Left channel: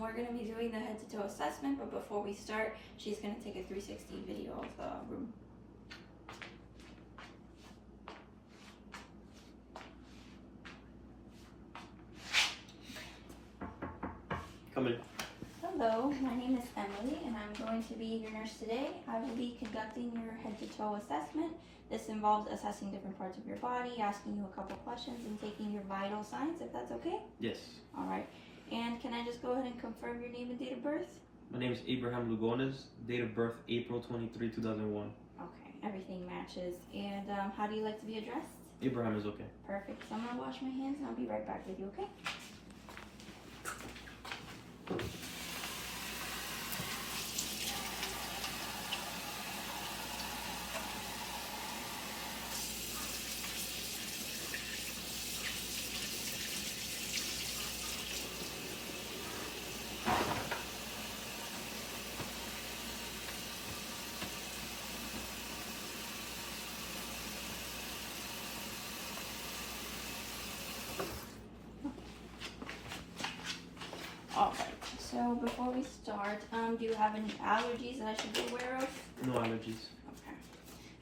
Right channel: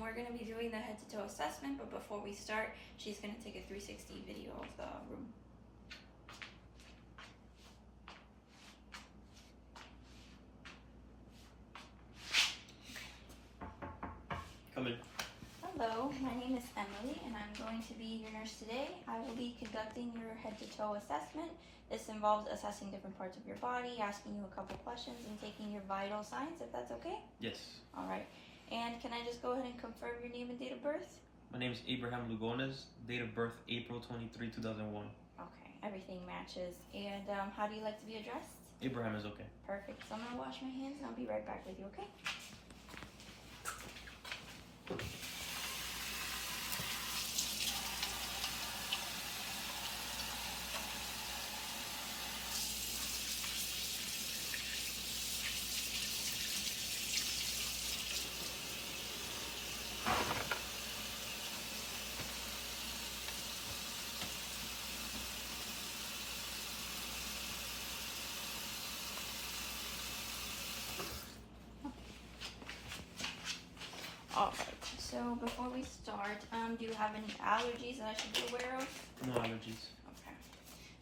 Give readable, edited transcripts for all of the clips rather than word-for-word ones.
We're going to be doing the head to toe assessment, but before we start, she's going to take a 360 video of the room. Come in. Hello, my name is Emily, and I'm going to be your nurse today. I will be conducting your head to toe assessment. This involves assessing different parts of your body, asking you a couple questions, and taking your vital signs, if that's okay? Yes. All right. And can I just go ahead and confirm your name and date of birth? My name is Abraham Lugones. Date of birth, April 23, 2001. Okay, everything matches. And how do you like to be addressed? Abraham is okay. Perfect. So I'm going to wash my hands, and I'll be right back with you, okay? Alright, so before we start, do you have any allergies that I should be aware of? No allergies. Okay.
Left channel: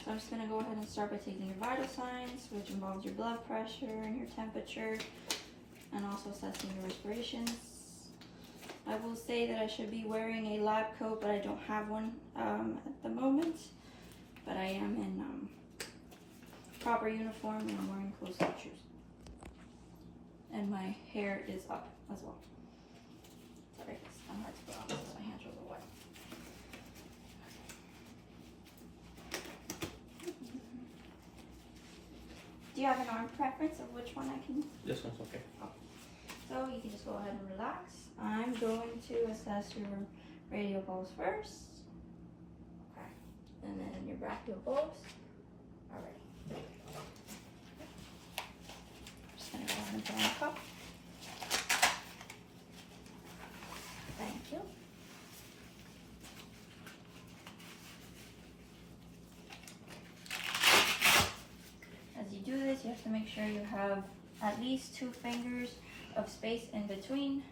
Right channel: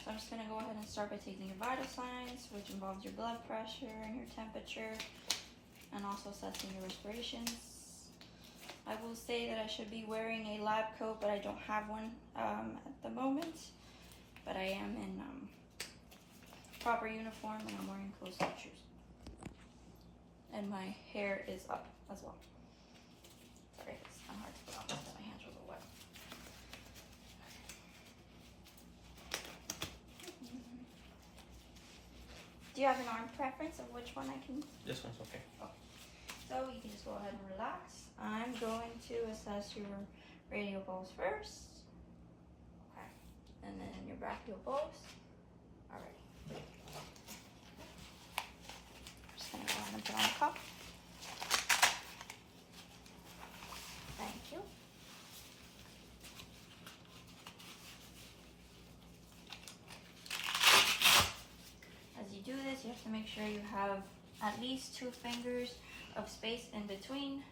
So I'm just going to go ahead and start by taking your vital signs, which involves your blood pressure and your temperature, and also assessing your respirations. I will say that I should be wearing a lab coat, but I don't have one at the moment. But I am in proper uniform, and I'm wearing closed-toe shoes. And my hair is up as well. Sorry, it's kind of hard to put on because my hands are wet. Do you have an arm preference of which one I can? This one's okay. So you can just go ahead and relax. I'm going to assess your radial pulse first. Okay. And then your brachial pulse. All right. I'm just going to go ahead and put on a cup. Thank you. As you do this, you have to make sure you have at least 2 fingers of space in between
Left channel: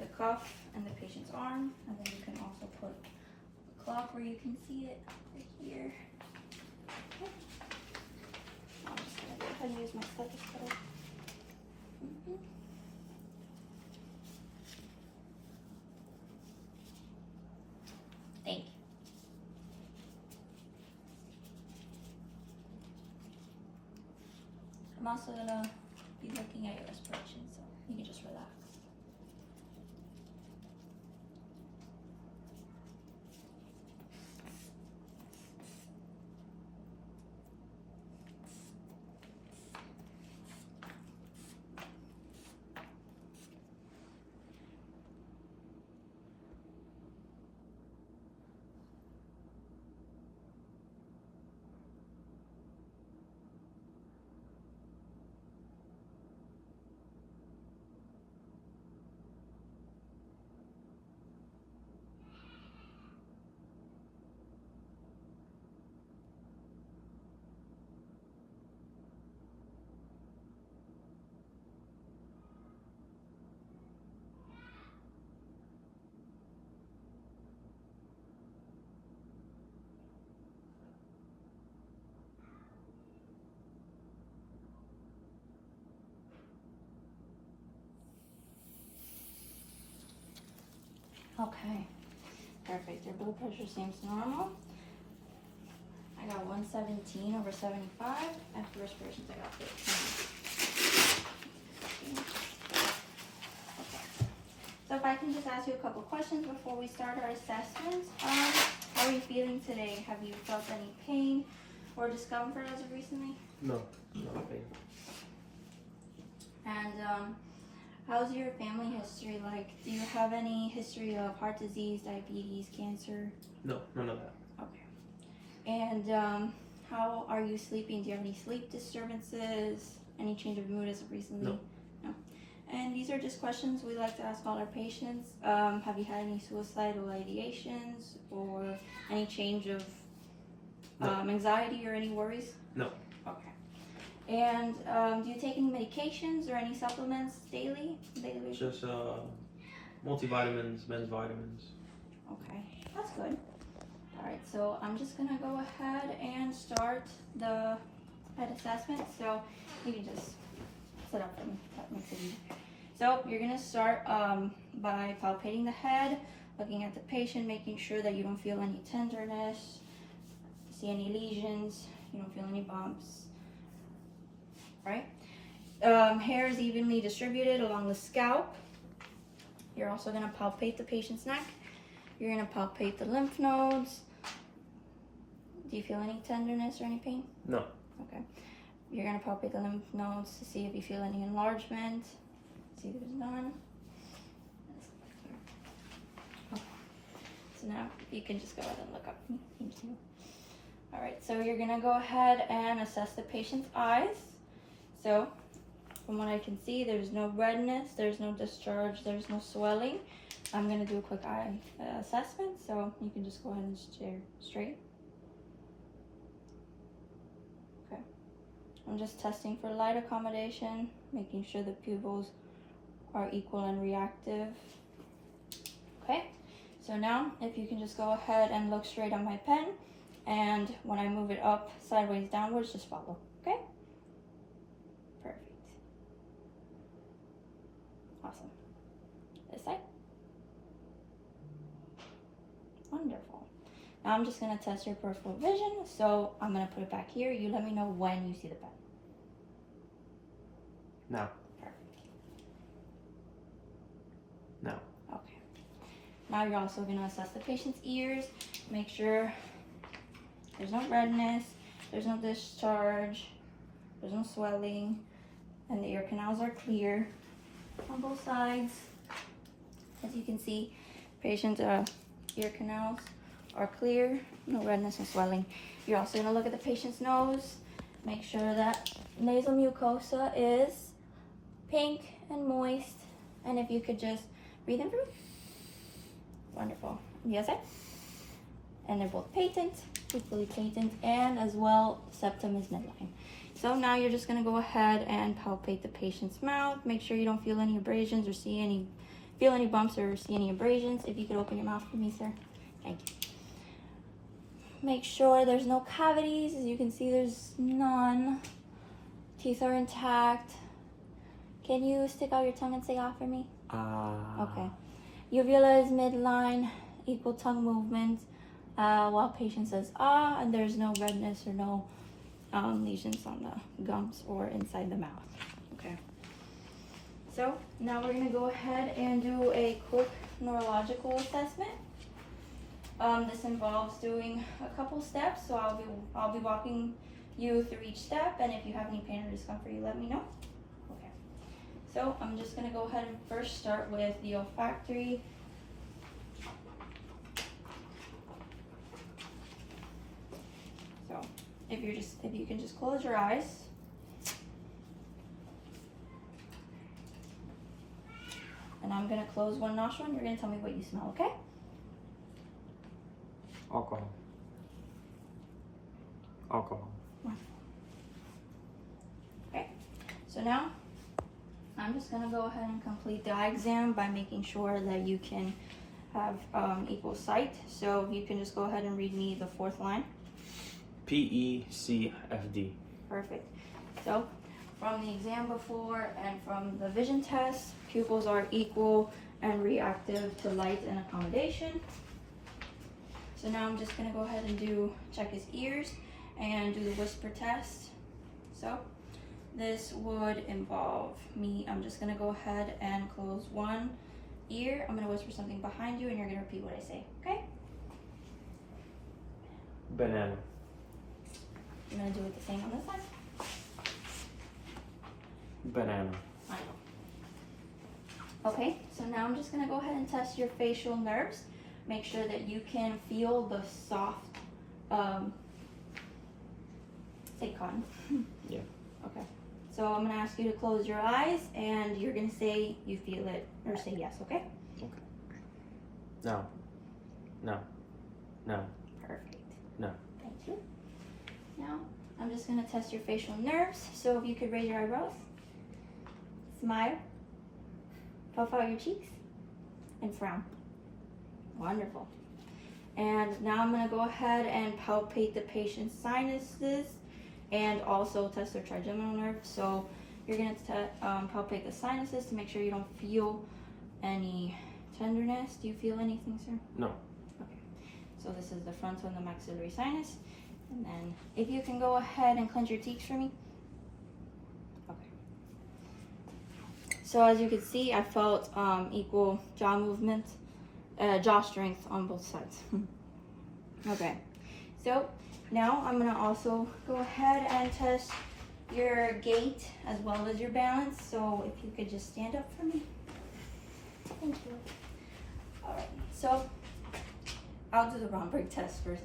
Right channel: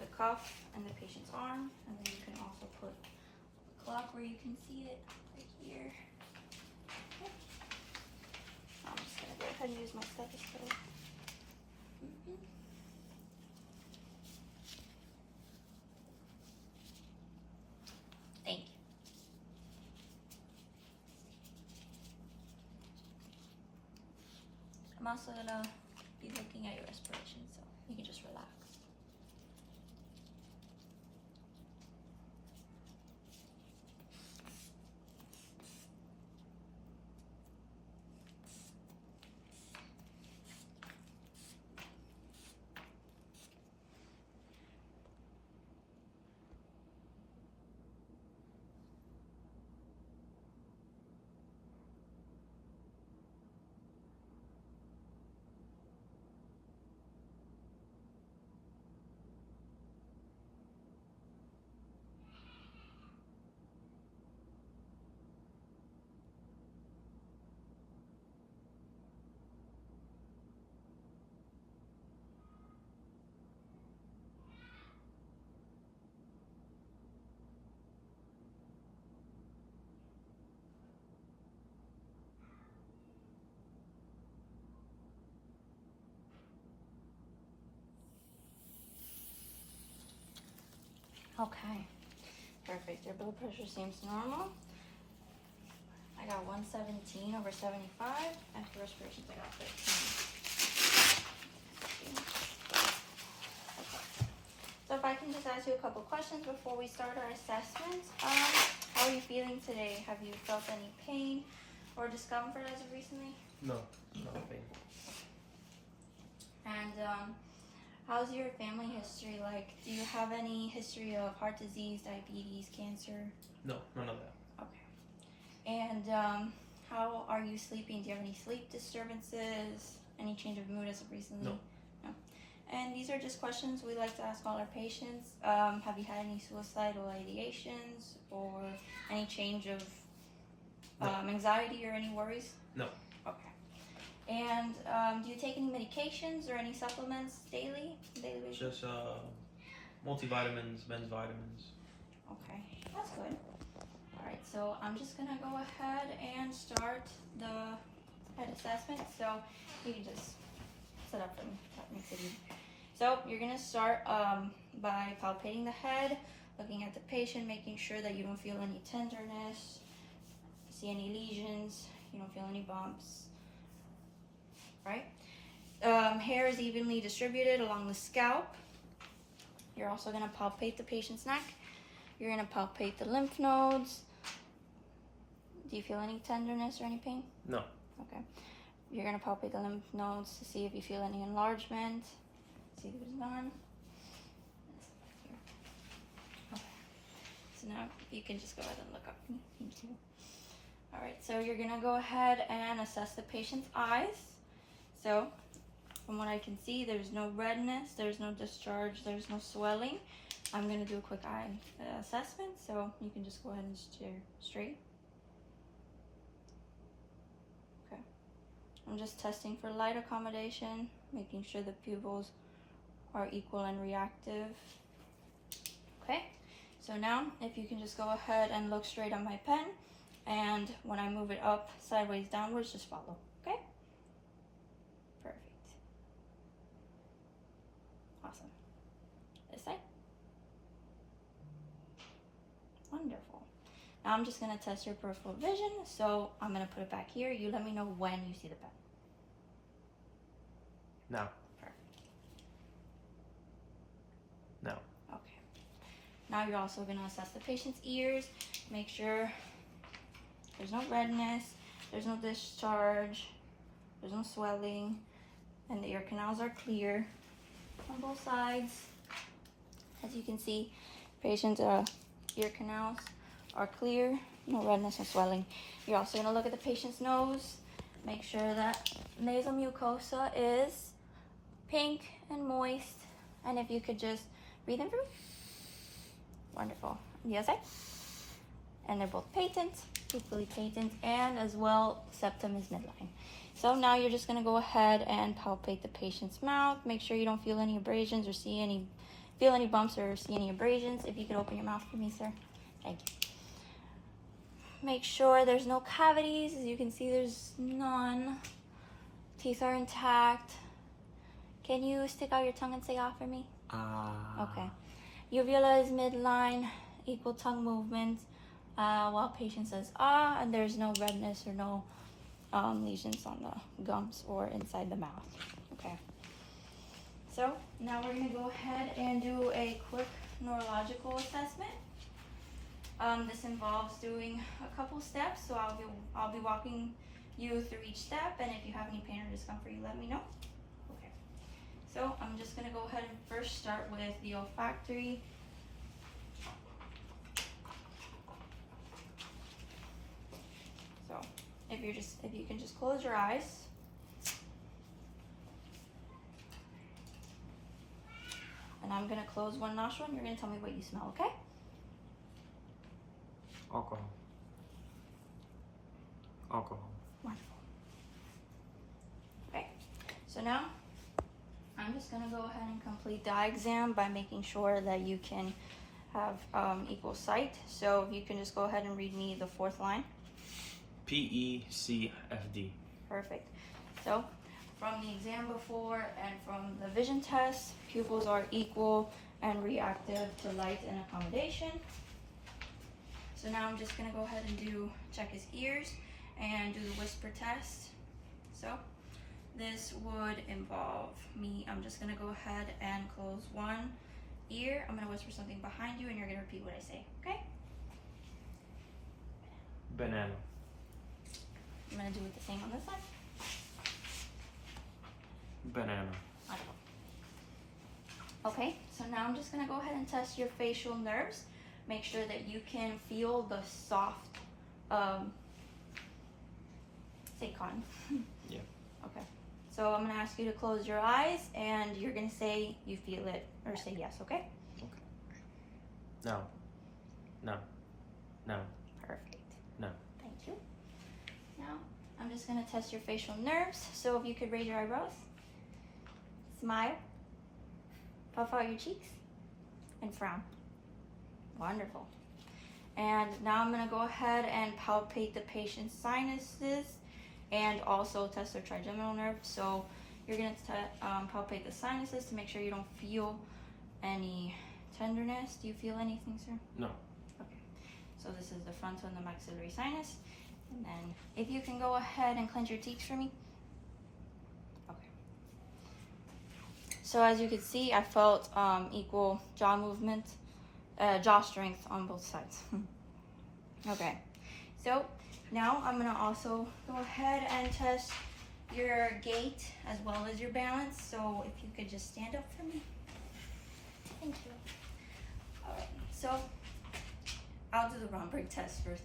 the cuff and the patient's arm, and then you can also put a clock where you can see it right here. Okay. I'm just gonna go ahead and use my stethoscope. Thank you. I'm also gonna be looking at your respiration, so you can just relax. Okay, perfect. Your blood pressure seems normal. I got 117 over 75. After respirations, I got 15. So if I can just ask you a couple questions before we start our assessment. How are you feeling today? Have you felt any pain or discomfort as of recently? No, no pain. And how's your family history like? Do you have any history of heart disease, diabetes, cancer? No, none of that. Okay. And how are you sleeping? Do you have any sleep disturbances? Any change of mood as of recently? No. No. And these are just questions we like to ask all our patients. Have you had any suicidal ideations or any change of anxiety or any worries? No. Okay. And do you take any medications or any supplements daily? Just multivitamins, men's vitamins. Okay, that's good. All right, so I'm just gonna go ahead and start the head assessment. So you can just sit up for me. That makes it easy. So you're gonna start by palpating the head, looking at the patient, making sure that you don't feel any tenderness, see any lesions, you don't feel any bumps, right? Hair is evenly distributed along the scalp. You're also gonna palpate the patient's neck. You're gonna palpate the lymph nodes. Do you feel any tenderness or any pain? No. Okay. You're gonna palpate the lymph nodes to see if you feel any enlargement. See, there's none. Okay. So now you can just go ahead and look up. Thank you. All right, so you're gonna go ahead and assess the patient's eyes. So from what I can see, there's no redness, there's no discharge, there's no swelling. I'm gonna do a quick eye assessment, so you can just go ahead and stare straight. Okay. I'm just testing for light accommodation, making sure the pupils are equal and reactive. Okay, so now if you can just go ahead and look straight at my pen, and when I move it up, sideways, downwards, just follow, okay? Perfect. Awesome. This side. Wonderful. Now I'm just gonna test your peripheral vision, so I'm gonna put it back here. You let me know when you see the pen. Now. Perfect. Now. Okay. Now you're also gonna assess the patient's ears. Make sure there's no redness, there's no discharge, there's no swelling, and the ear canals are clear on both sides. As you can see, patient's ear canals are clear, no redness or swelling. You're also gonna look at the patient's nose, make sure that nasal mucosa is pink and moist, and if you could just breathe in for me. Wonderful. The other side. And they're both patent, equally patent, and as well, septum is midline. So now you're just gonna go ahead and palpate the patient's mouth. Make sure you don't feel any abrasions or feel any bumps or see any abrasions. If you could open your mouth for me, sir. Thank you. Make sure there's no cavities. As you can see, there's none. Teeth are intact. Can you stick out your tongue and say ah for me? Okay. Uvula is midline, equal tongue movement. While patient says ah, and there's no redness or no lesions on the gums or inside the mouth. Okay. So now we're gonna go ahead and do a quick neurological assessment. This involves doing a couple steps, so I'll be walking you through each step, and if you have any pain or discomfort, you let me know. Okay. So I'm just gonna go ahead and first start with the olfactory. So if you can just close your eyes. And I'm gonna close one nostril and you're gonna tell me what you smell, okay? Alcohol. Alcohol. Wonderful. Okay, so now I'm just gonna go ahead and complete the eye exam by making sure that you can have equal sight. So if you can just go ahead and read me the fourth line. PECFD. Perfect. So from the exam before and from the vision test, pupils are equal and reactive to light and accommodation. So now I'm just gonna go ahead and check his ears and do the whisper test. So this would involve me, I'm just gonna go ahead and close one ear. I'm gonna whisper something behind you and you're gonna repeat what I say, okay? Banana. I'm gonna do it the same on this side. Banana. Okay, so now I'm just gonna go ahead and test your facial nerves. Make sure that you can feel the soft, say cotton. Yeah. Okay, so I'm gonna ask you to close your eyes and you're gonna say you feel it or say yes, okay? Okay. No. No. No. Perfect. No. Thank you. Now, I'm just gonna test your facial nerves. So if you could raise your eyebrows, smile, puff out your cheeks, and frown. Wonderful. And now I'm going to go ahead and palpate the patient's sinuses and also test their trigeminal nerve. So you're going to palpate the sinuses to make sure you don't feel any tenderness. Do you feel anything, sir? No. Okay. So this is the frontal and the maxillary sinus. And then if you can go ahead and clench your teeth for me. Okay. So as you can see, I felt equal jaw movement, jaw strength on both sides. Okay. So now I'm gonna also go ahead and test your gait as well as your balance. So if you could just stand up for me. Thank you. All right. So I'll do the Romberg test first.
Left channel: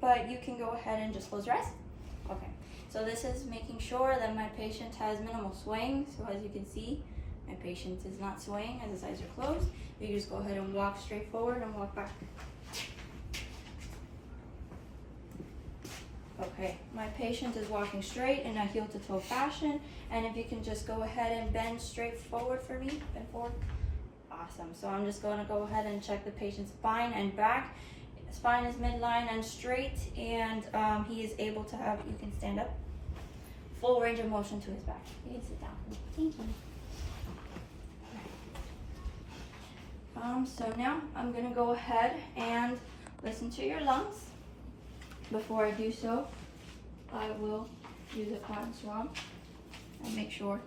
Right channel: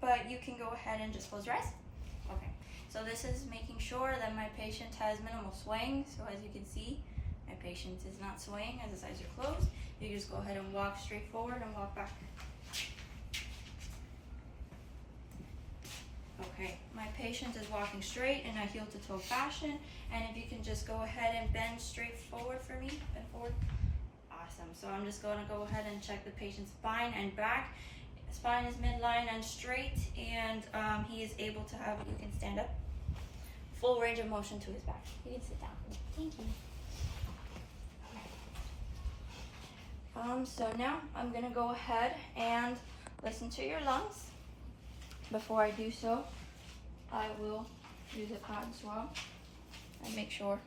But you can go ahead and just close your eyes. Okay. So this is making sure that my patient has minimal swaying. So as you can see, my patient is not swaying as his eyes are closed. You just go ahead and walk straight forward and walk back. Okay, my patient is walking straight in a heel to toe fashion. And if you can just go ahead and bend straight forward for me, bend forward. Awesome. So I'm just going to go ahead and check the patient's spine and back. Spine is midline and straight, and he is able to have, you can stand up, full range of motion to his back. You can sit down. Thank you. So now I'm going to go ahead and listen to your lungs. Before I do so, I will use a cotton swab and make sure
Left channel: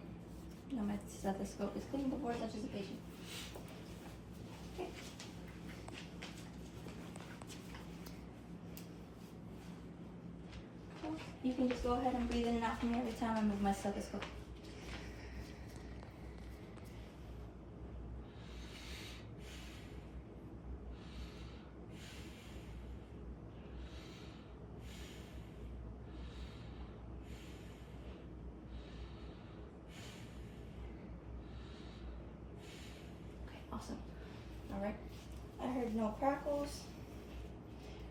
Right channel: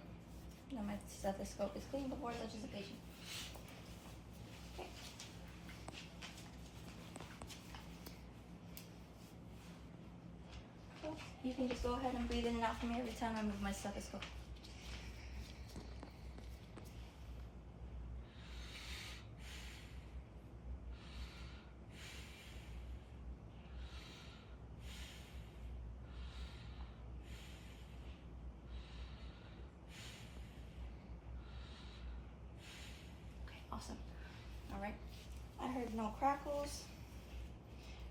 that my stethoscope is clean before it touches the patient. Okay. So you can just go ahead and breathe in and out for me every time I move my stethoscope. Awesome. All right. I heard no crackles.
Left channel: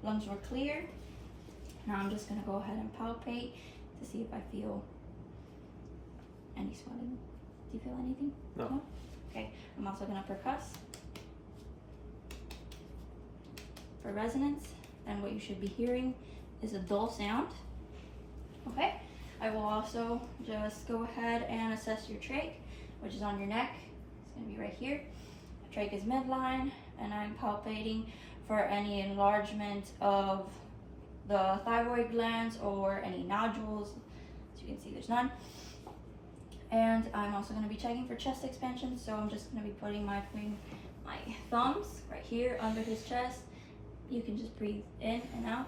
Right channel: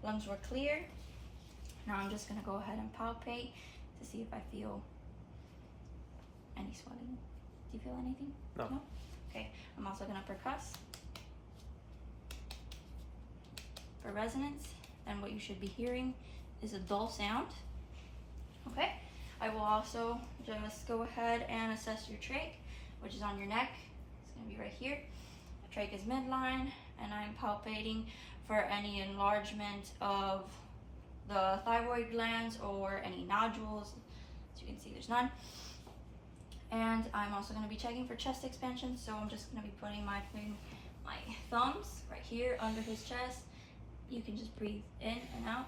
Lungs were clear. Now I'm just going to go ahead and palpate to see if I feel any swelling. Do you feel anything? No. Okay. I'm also going to percuss for resonance. And what you should be hearing is a dull sound. Okay. I will also just go ahead and assess your trach, which is on your neck. It's going to be right here. Trach is midline, and I'm palpating for any enlargement of the thyroid glands or any nodules. As you can see, there's none. And I'm also going to be checking for chest expansion, so I'm just going to be putting my thumbs right here under his chest. You can just breathe in and out.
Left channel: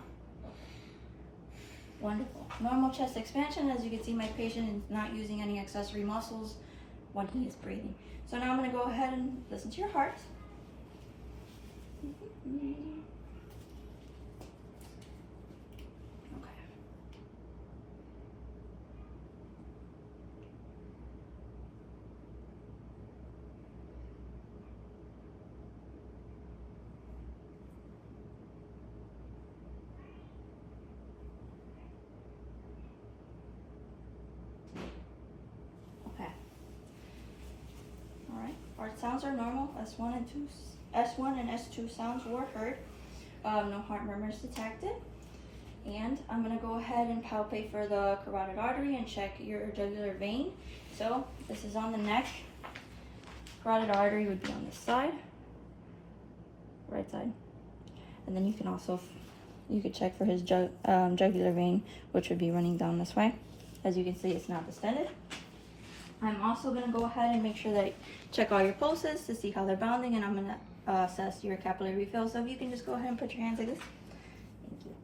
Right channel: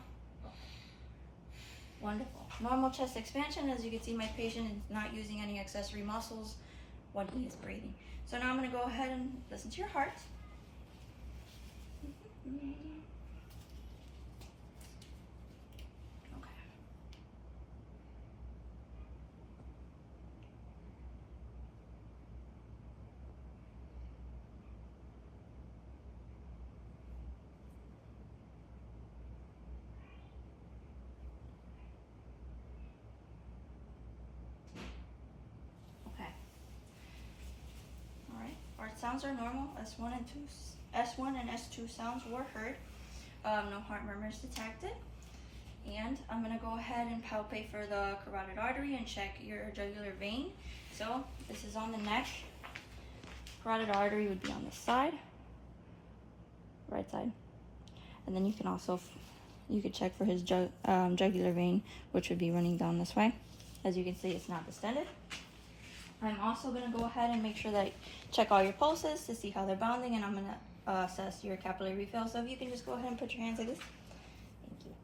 Wonderful. Normal chest expansion. As you can see, my patient is not using any accessory muscles when he is breathing. So now I'm going to go ahead and listen to your heart. Okay. Okay. All right. Heart sounds are normal. S1 and S2 sounds were heard. No heart murmurs detected. And I'm going to go ahead and palpate for the carotid artery and check your jugular vein. So this is on the neck. Carotid artery would be on this side, right side. And then you can also, you could check for his jugular vein, which would be running down this way. As you can see, it's not distended. I'm also going to go ahead and make sure that I check all your pulses to see how they're bounding, and I'm going to assess your capillary refill. So if you can just go ahead and put your hands like this. Thank you.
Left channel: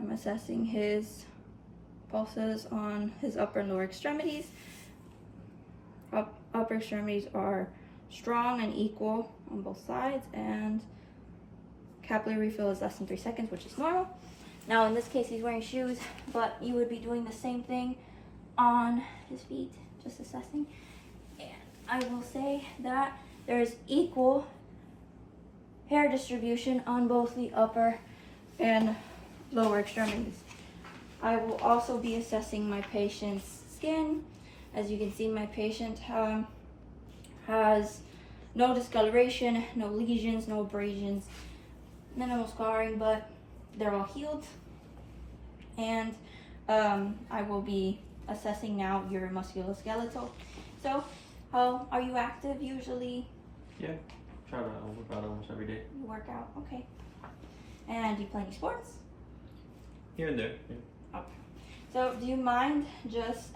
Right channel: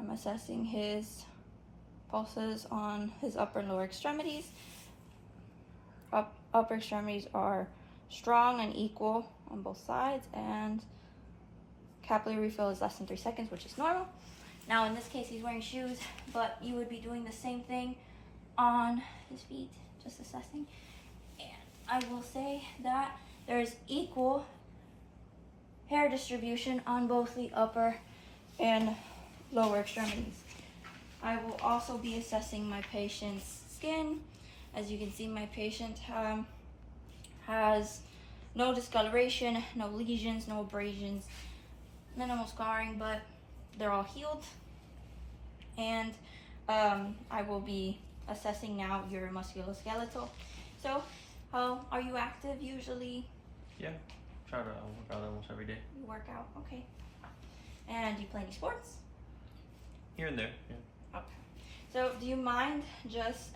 I'm assessing his pulses on his upper and lower extremities. Upper extremities are strong and equal on both sides, and capillary refill is less than 3 seconds, which is normal. Now in this case, he's wearing shoes, but you would be doing the same thing on his feet, just assessing. And I will say that there's equal hair distribution on both the upper and lower extremities. I will also be assessing my patient's skin. As you can see, my patient has no discoloration, no lesions, no abrasions, minimal scarring, but they're all healed. And I will be assessing now your musculoskeletal. So, are you active usually? Yeah, try to work out almost every day. You work out, okay. And do you play any sports? Here and there. Yeah. So, do you mind just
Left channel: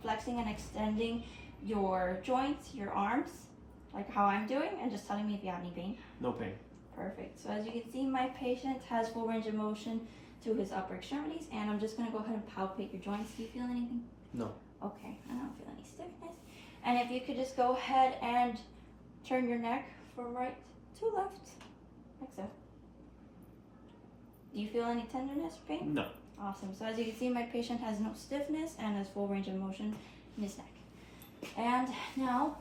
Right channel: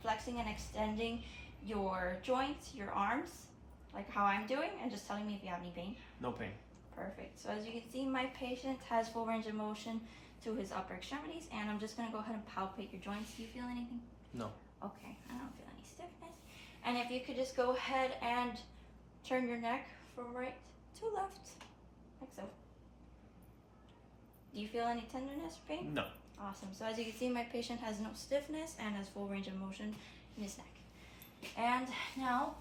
flexing and extending your joints, your arms, like how I'm doing, and just telling me if you have any pain? No pain. Perfect. So as you can see, my patient has full range of motion to his upper extremities, and I'm just going to go ahead and palpate your joints. Do you feel anything? No. Okay, I don't feel any stiffness. And if you could just go ahead and turn your neck from right to left, like so. Do you feel any tenderness or pain? No. Awesome. So as you can see, my patient has no stiffness and has full range of motion in his neck. And now,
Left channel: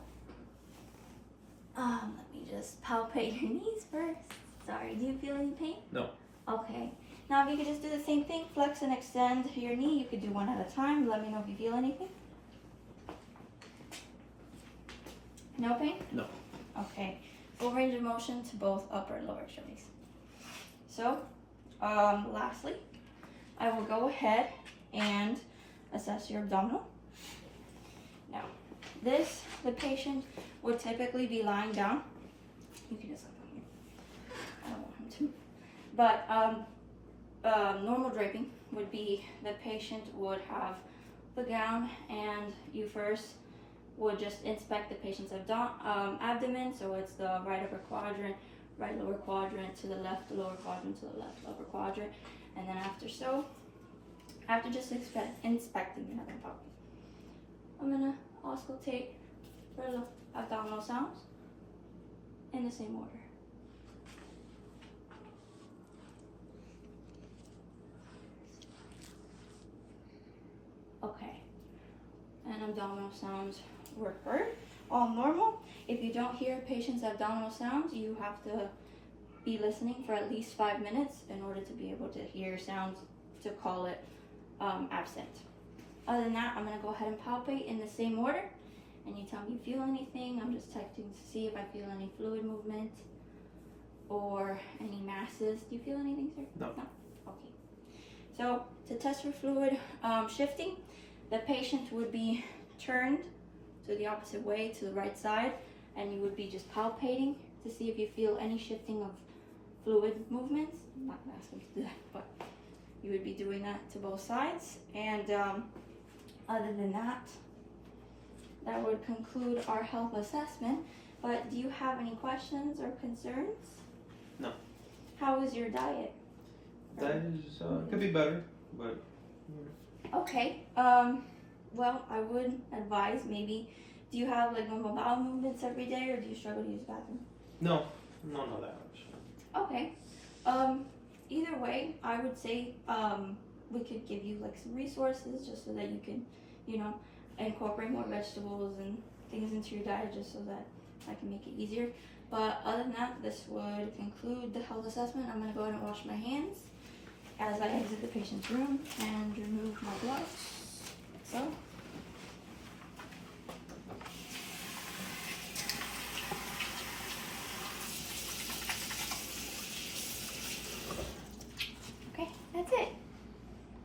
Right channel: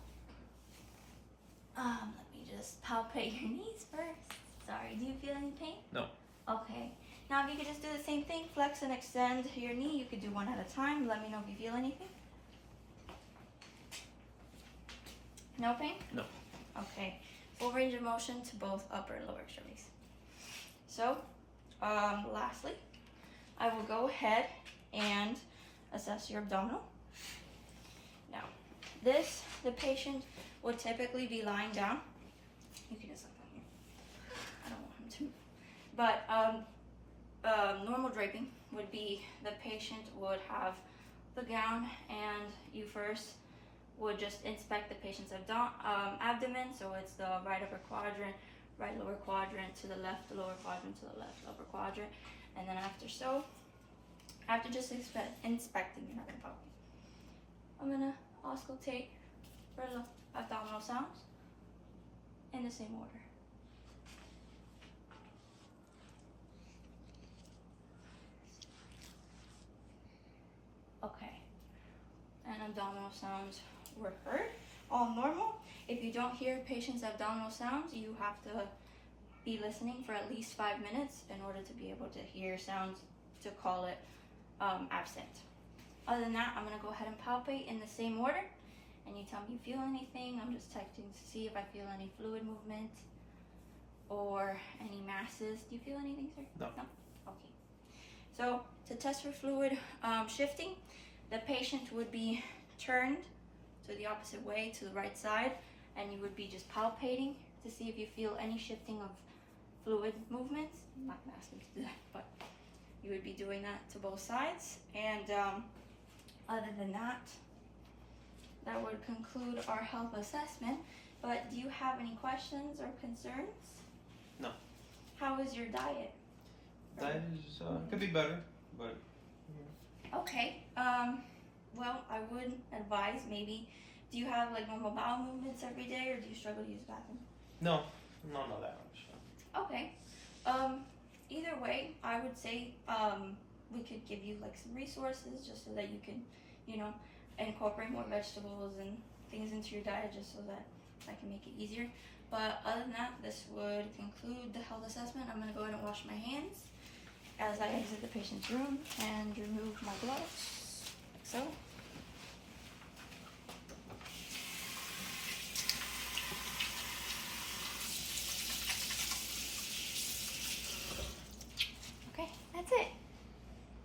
let me just palpate your knees first. Sorry, do you feel any pain? No. Okay. Now if you could just do the same thing, flex and extend your knee. You could do one at a time. Let me know if you feel anything. No pain? No. Okay. Full range of motion to both upper and lower extremities. So, lastly, I will go ahead and assess your abdominal. Now, the patient would typically be lying down. You can just look here. I don't want him to. But normal draping would be the patient would have the gown, and you first would just inspect the patient's abdomen. So it's the right upper quadrant, right lower quadrant, to the left lower quadrant, to the left upper quadrant. And then after just inspecting, you're not gonna pop it. I'm gonna auscultate for abdominal sounds in the same order. Okay, and abdominal sounds were heard, all normal. If you don't hear patient's abdominal sounds, you have to be listening for at least 5 minutes in order to be able to hear sounds to call it absent. Other than that, I'm going to go ahead and palpate in the same order, and you tell me if you feel anything. I'm just testing to see if I feel any fluid movement or any masses. Do you feel anything, sir? No. No? Okay. So to test for fluid shifting, the patient would be turned to the opposite way, to the right side, and you would be just palpating to see if you feel any shifting of fluid movements. I'm not asking you to do that, but you would be doing that to both sides. And other than that, that would conclude our health assessment. But do you have any questions or concerns? No. How is your diet? That is could be better, but Okay. Well, I would advise maybe. Do you have like normal bowel movements every day, or do you struggle to use the bathroom? no that much. Okay. Either way, I would say we could give you like some resources just so that you can, incorporate more vegetables and things into your diet, just so that I can make it easier. But other than that, this would conclude the health assessment. I'm gonna go ahead and wash my hands as I exit the patient's room and remove my gloves, like so.